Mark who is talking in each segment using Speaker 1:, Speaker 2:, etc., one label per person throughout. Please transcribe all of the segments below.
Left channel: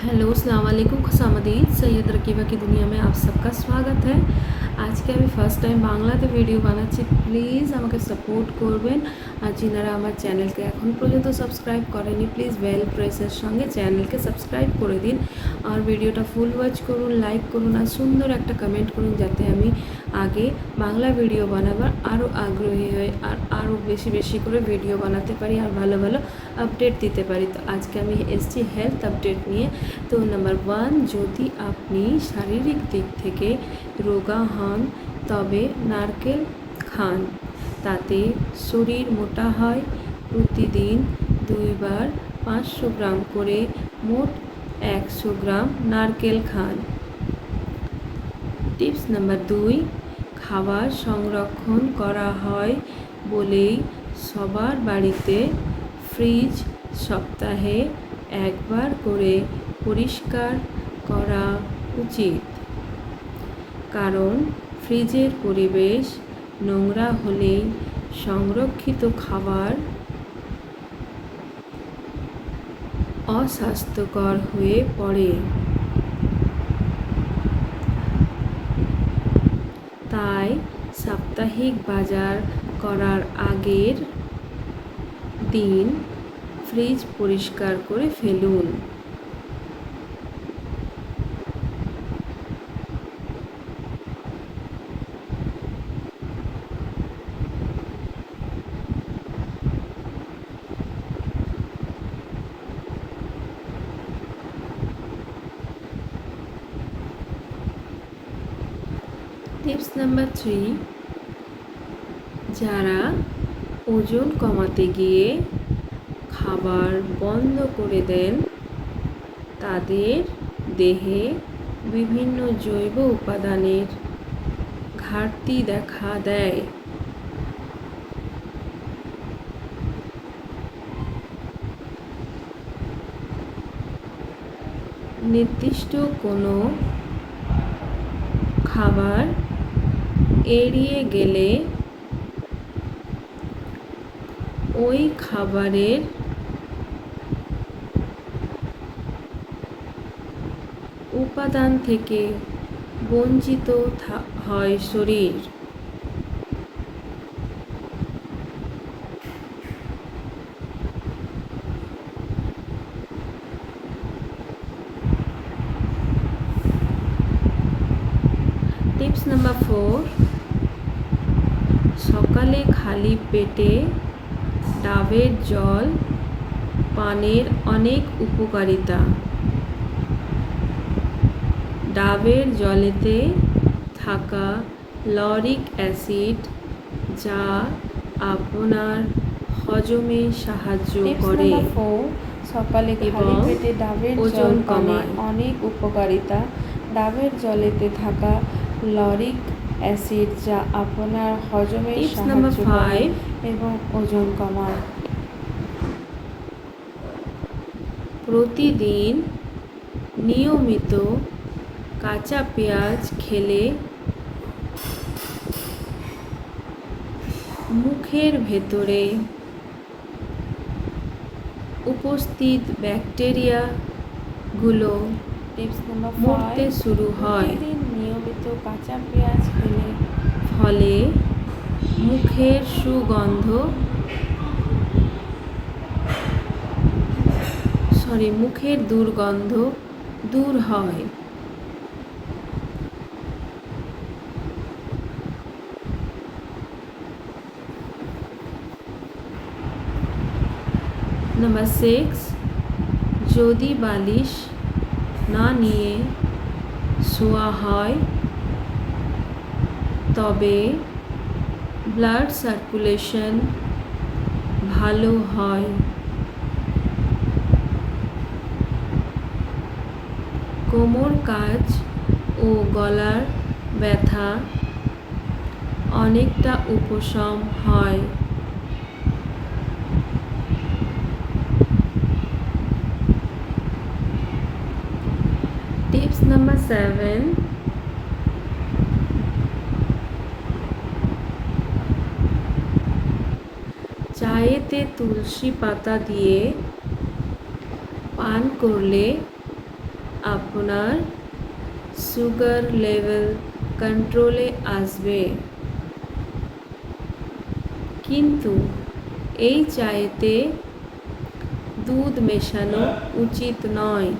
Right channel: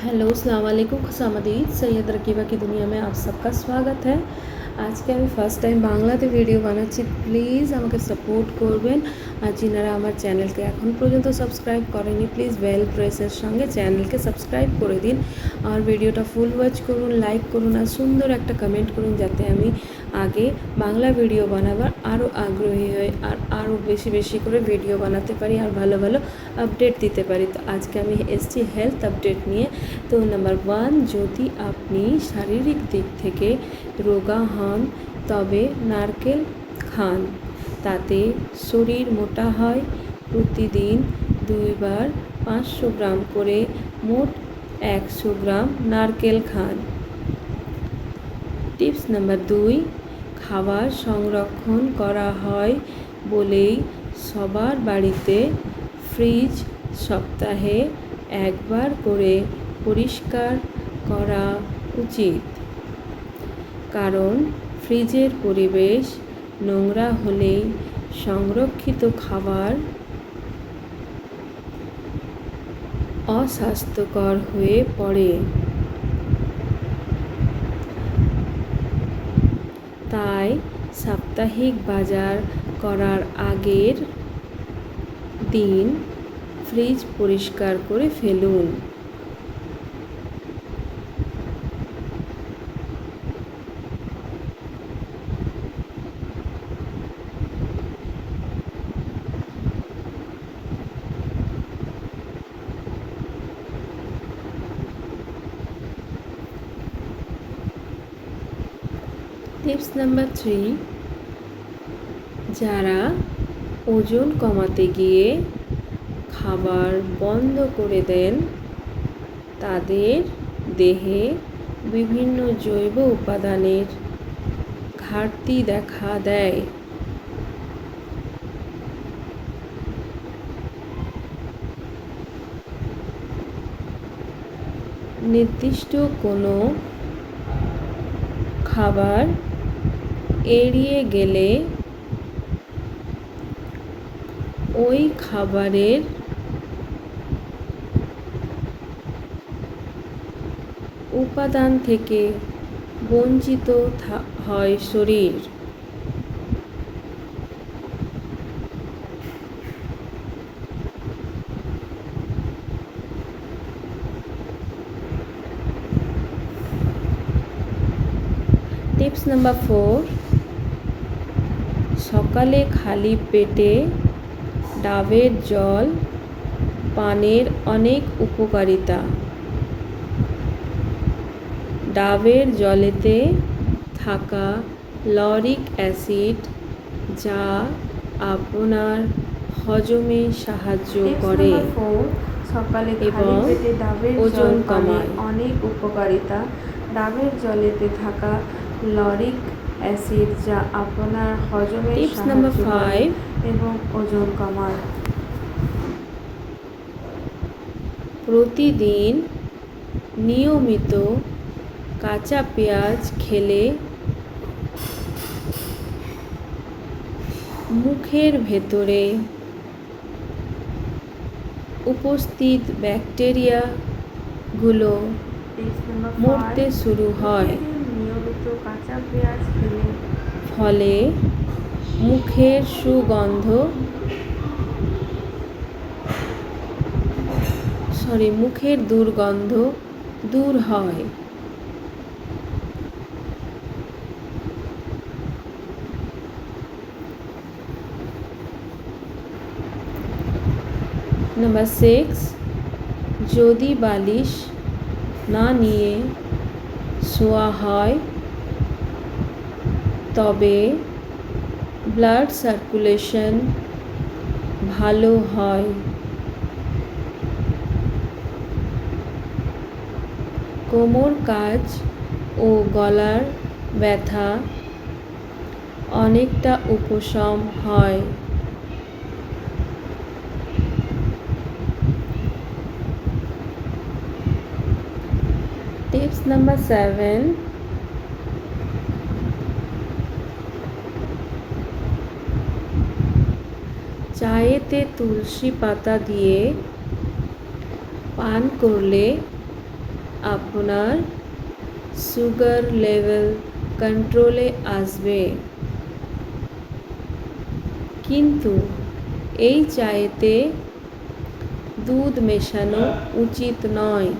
Speaker 1: Hello अस्सलाम वालेकुम खुशामदीद सैयद रकीबा की दुनिया में आप सबका स्वागत है আজকে আমি ফার্স্ট টাইম বাংলাতে ভিডিও বানাচ্ছি প্লিজ আমাকে সাপোর্ট করবেন আর যিনারা আমার চ্যানেলকে এখন পর্যন্ত সাবস্ক্রাইব করেনি প্লিজ বেল প্রেসের সঙ্গে চ্যানেলকে সাবস্ক্রাইব করে দিন আর ভিডিওটা ফুল ওয়াচ করুন লাইক করুন আর সুন্দর একটা কমেন্ট করুন যাতে আমি আগে বাংলা ভিডিও বানাবার আরও আগ্রহী হই আর আরও বেশি বেশি করে ভিডিও বানাতে পারি আর ভালো ভালো আপডেট দিতে পারি তো আজকে আমি এসছি হেলথ আপডেট নিয়ে তো নাম্বার ওয়ান যদি আপনি শারীরিক দিক থেকে রোগা হন, তবে নারকেল খান। তাতে শরীর মোটা হয়। প্রতিদিন দুইবার পাঁচশো গ্রাম করে মোট একশো গ্রাম নারকেল খান। টিপস নাম্বার দুই, খাবার সংরক্ষণ করা হয় বলেই সবার বাড়িতে ফ্রিজ সপ্তাহে একবার করে পরিষ্কার করা উচিত। কারণ ফ্রিজের পরিবেশ নোংরা হলেই সংরক্ষিত খাবার অস্বাস্থ্যকর হয়ে পড়ে। তাই সাপ্তাহিক বাজার করার আগের দিন ফ্রিজ পরিষ্কার করে ফেলুন টিপস নাম্বার থ্রি, যারা ওজন কমাতে গিয়ে খাবার বন্ধ করে দেন, তাদের দেহে বিভিন্ন জৈব উপাদানের ঘাটতি দেখা দেয়। নির্দিষ্ট কোনো খাবার এড়িয়ে গেলে ওই খাবারের উপাদান থেকে বঞ্চিত হয় শরীর। টিপস নাম্বার ফোর সকালে খালি পেটে ডাবের জল পানের অনেক উপকারিতা ডাবের জলেতে থাকা লরিক অ্যাসিড যা আপনার হজমে সাহায্য করে
Speaker 2: সকালে খালি পেটে ডাবের
Speaker 1: ওজন কমায়।
Speaker 2: অনেক উপকারিতা ডাবের জলেতে থাকা লরিক অ্যাসিড যা আপনার হজমে
Speaker 1: টিপস
Speaker 2: সাহায্য
Speaker 1: ফাইভ।
Speaker 2: এবং ওজন কমায়।
Speaker 1: প্রতিদিন নিয়মিত কাঁচা পেঁয়াজ খেলে মুখের ভেতরে উপস্থিত ব্যাকটেরিয়াগুলো মরতে শুরু হয়।
Speaker 2: নিয়মিত কাঁচা পেঁয়াজ খেলে
Speaker 1: ফলে মুখের সুগন্ধ সরি মুখের দুর্গন্ধ দূর হয়। নাম্বার সিক্স যদি বালিশ না নিয়ে শোয়া হয় তবে ব্লাড সার্কুলেশন ভালো হয়। কোমর কাজ ও গলার ব্যথা অনেকটা উপশম হয়। টিপস নাম্বার সেভেন চায়েতে তুলসী পাতা দিয়ে পান করলে আপনার সুগার লেভেল কন্ট্রোলে আসবে। কিন্তু এই চায়েতে দুধ মেশানো উচিত নয়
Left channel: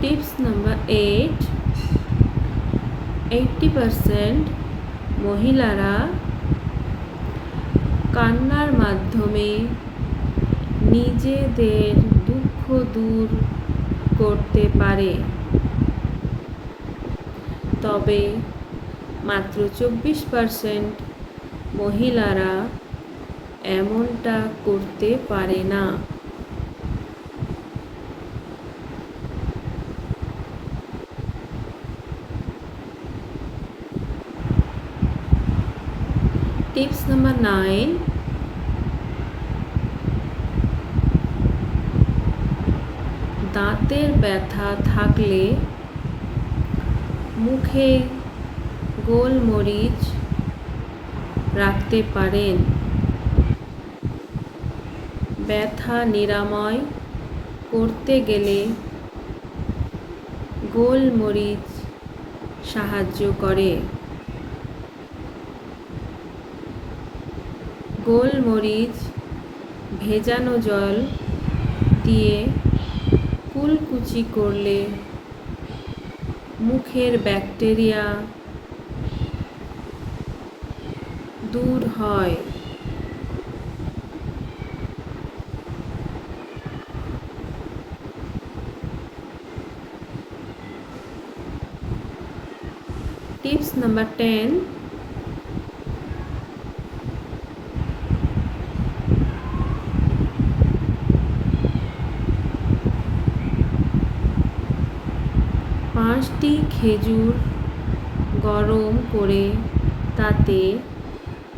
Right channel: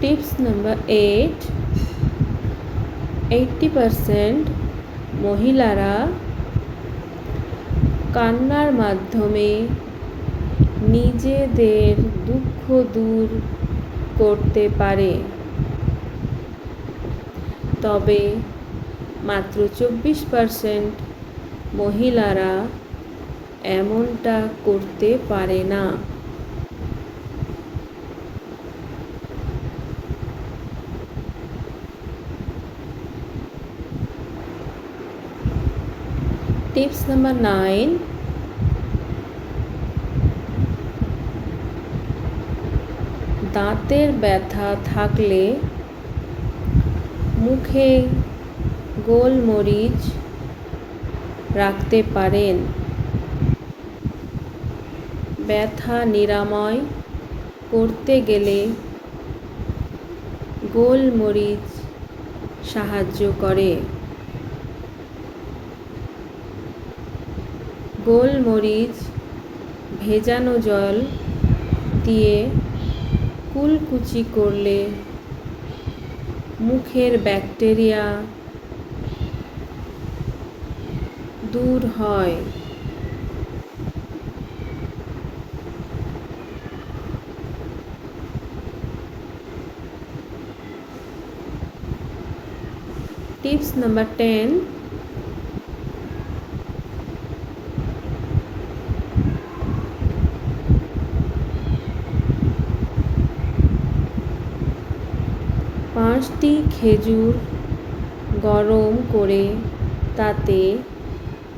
Speaker 1: tips number eight eighty percent মহিলারা কান্নার মাধ্যমে নিজেদের দুঃখ দূর করতে পারে। তবে মাত্র চব্বিশ পারসেন্ট মহিলারা এমনটা করতে পারে না। টিপস নাম্বার নাইন দাঁতের ব্যথা থাকলে মুখে গোলমরিচ রাখতে পারেন। ব্যথা নিরাময় করতে গেলে গোলমরিচ সাহায্য করে। গোলমরিচ ভেজানো জল দিয়ে কুলকুচি করলে মুখের ব্যাকটেরিয়া দূর হয়। টিপস নাম্বার টেন পাঁচটি খেজুর গরম করে তাতে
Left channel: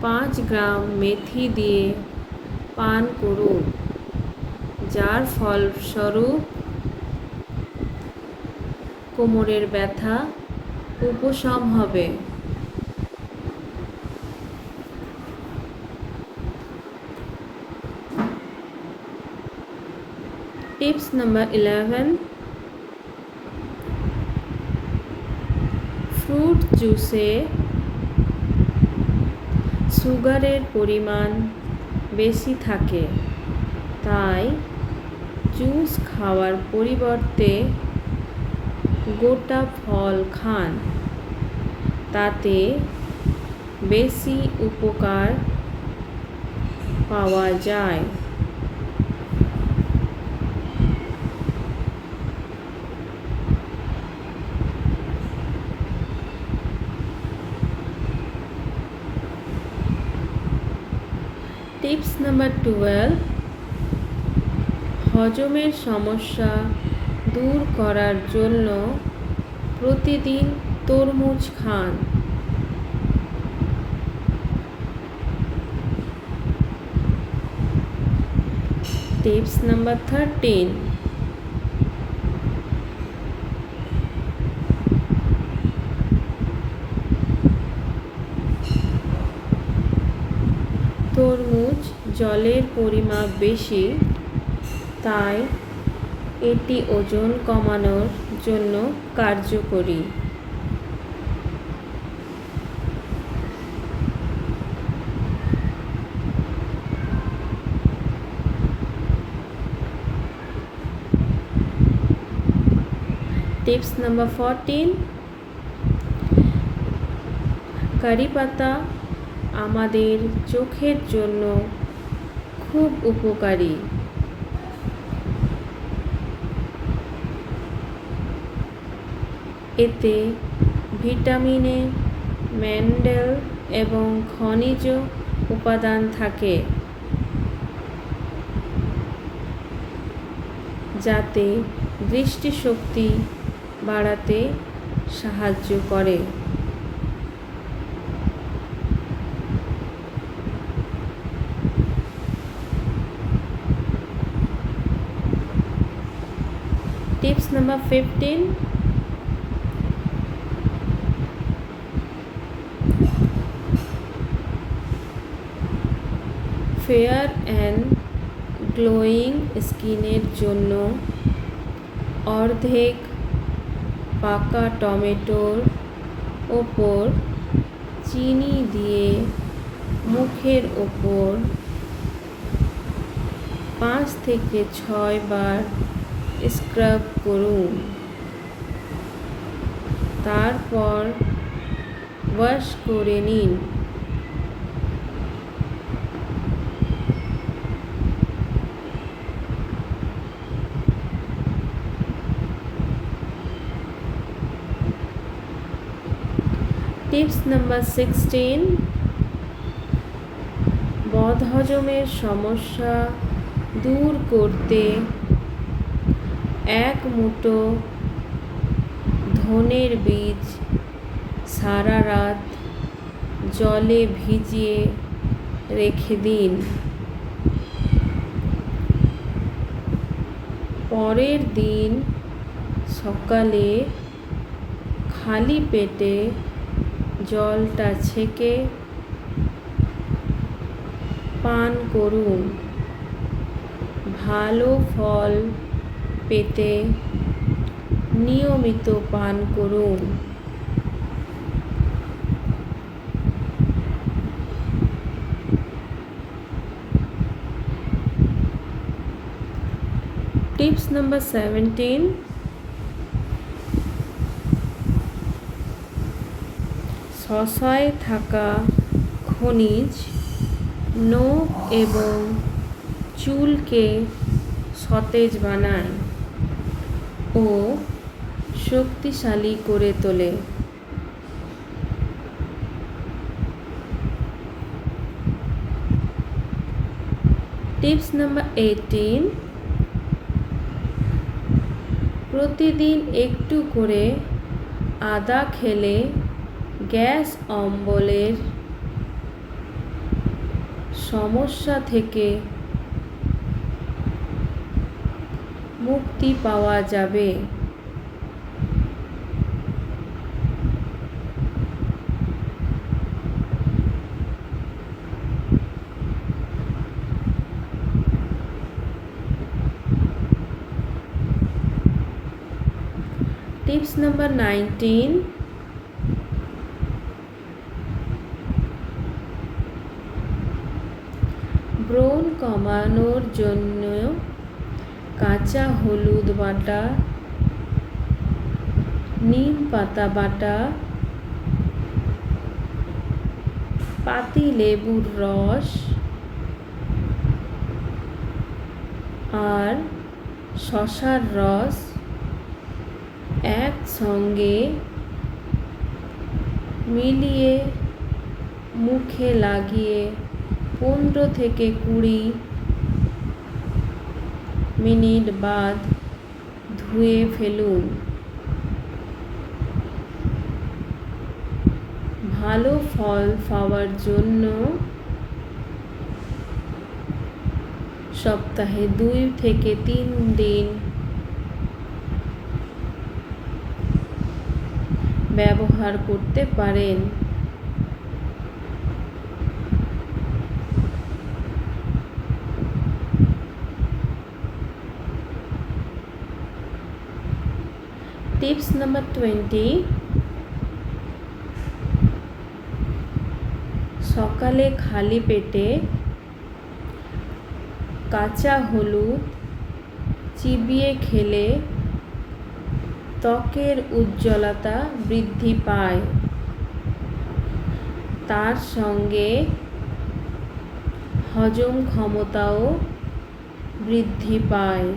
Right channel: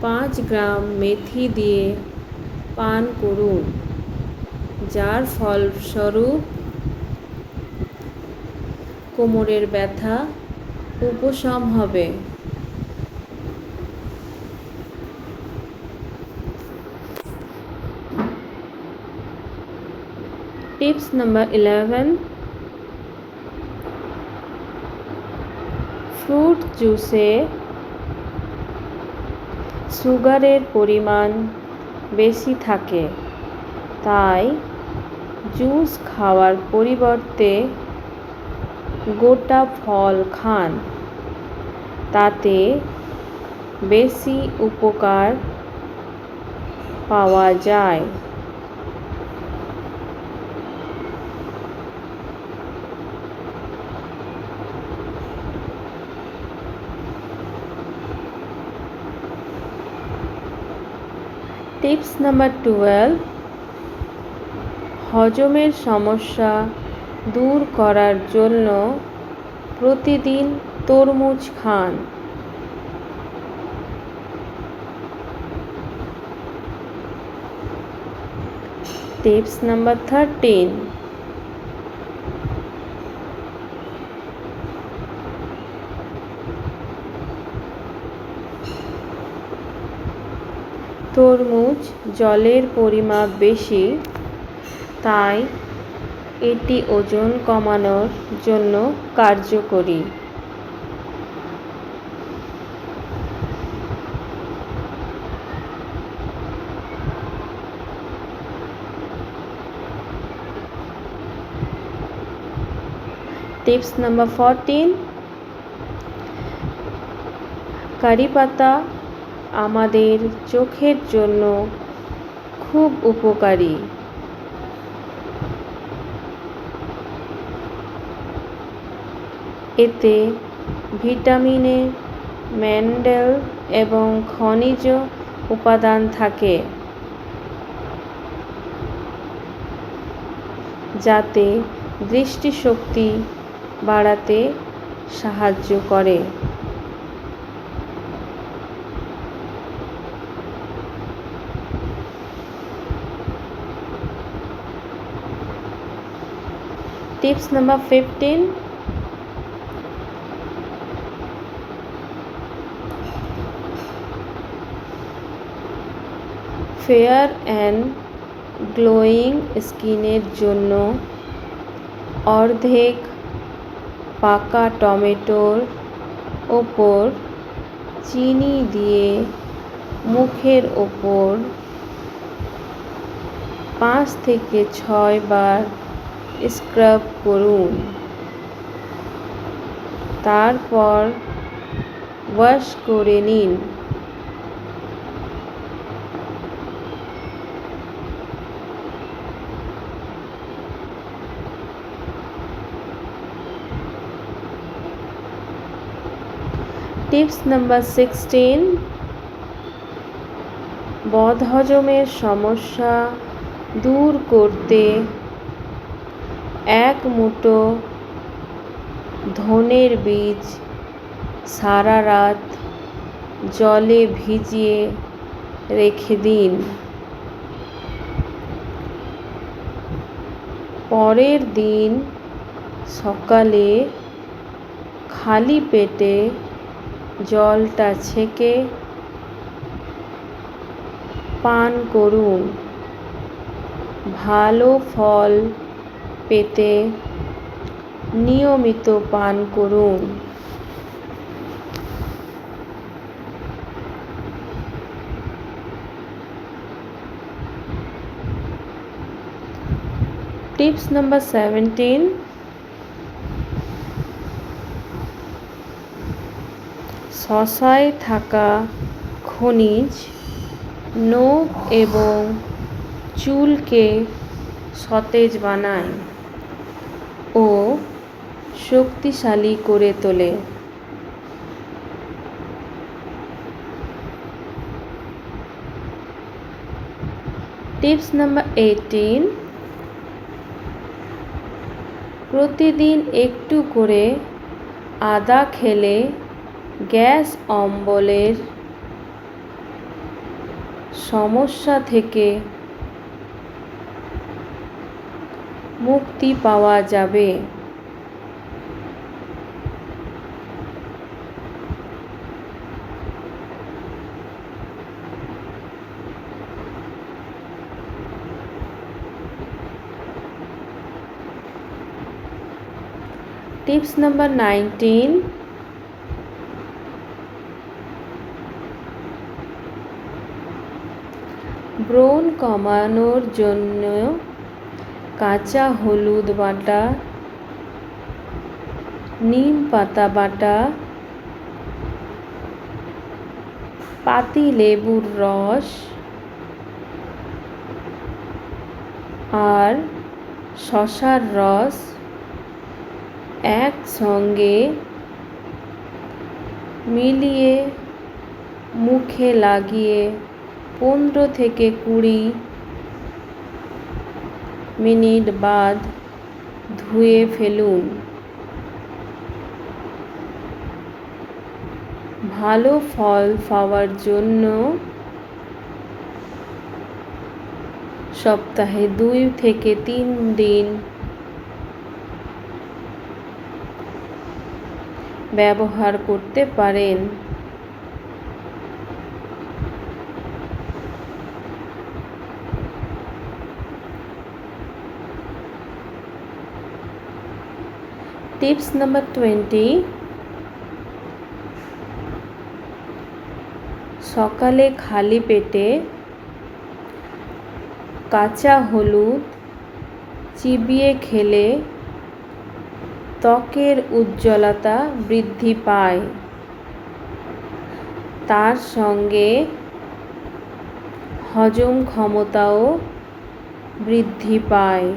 Speaker 1: পাঁচ গ্রাম মেথি দিয়ে পান করুন, যার ফলস্বরূপ কোমরের ব্যথা উপশম হবে। টিপস নাম্বার ইলেভেন ফ্রুট জুসে সুগারের পরিমাণ বেশি থাকে। তাই জুস খাওয়ার পরিবর্তে গোটা ফল খান। তাতে বেশি উপকার পাওয়া যায়। টিপস নাম্বার টুয়েলভ হজমের সমস্যা দূর করার জন্য প্রতিদিন তরমুজ খান। টিপস নাম্বার থার্টিন তরমুজ জলের পরিমাপ বেশি, তাই এটি ওজন কমানোর জন্য কার্যকরী। টিপস নাম্বার ফরটিন, কারি পাতা আমাদের চোখের জন্য খুব উপকারী। এতে ভিটামিনে ম্যান্ডেল এবং খনিজ উপাদান থাকে, যাতে দৃষ্টিশক্তি বাড়াতে সাহায্য করে। Tips number fifteen fair and glowing স্কিনের জন্য অর্ধেক পাকা টমেটোর ওপর চিনি দিয়ে মুখের ওপর পাঁচ থেকে ছয় বার স্ক্রাব করুন। তারপর ওয়াশ করে নিন। টিপস নাম্বার সিক্সটিন বদহজমের সমস্যা দূর করতে এক মুঠো ধনের বীজ সারা রাত জলে ভিজিয়ে রেখে দিন। পরের দিন সকালে খালি পেটে জলটা ছেঁকে পান করুন। ভালো ফল পেতে নিয়মিত পান করুন। Tips number seventeen. শশায় থাকা খনিজ নখ এবং চুলকে সতেজ বানায়। ও শক্তিশালী করে তোলে। টিপস নাম্বার এইটিন প্রতিদিন একটু করে আদা খেলে গ্যাস অম্বলের সমস্যা থেকে মুক্তি পাওয়া যাবে। Tips number nineteen. ব্রণ কমানোর জন্য কাঁচা হলুদ বাটা, নিম পাতা বাটা, পাতি লেবুর রস আর শশার রস একসঙ্গে মিলিয়ে মুখে লাগিয়ে পনেরো থেকে কুড়ি মিনিট বাদ ধুয়ে ফেলুন। ভালো ফল পাওয়ার জন্য সপ্তাহে দুই থেকে তিন দিন ব্যবহার করতে পারেন। Tips number twenty. সকালে খালি পেটে কাঁচা হলুদ চিবিয়ে খেলে ত্বকের উজ্জ্বলতা বৃদ্ধি পায়। তার সঙ্গে হজম ক্ষমতাও বৃদ্ধি পায়।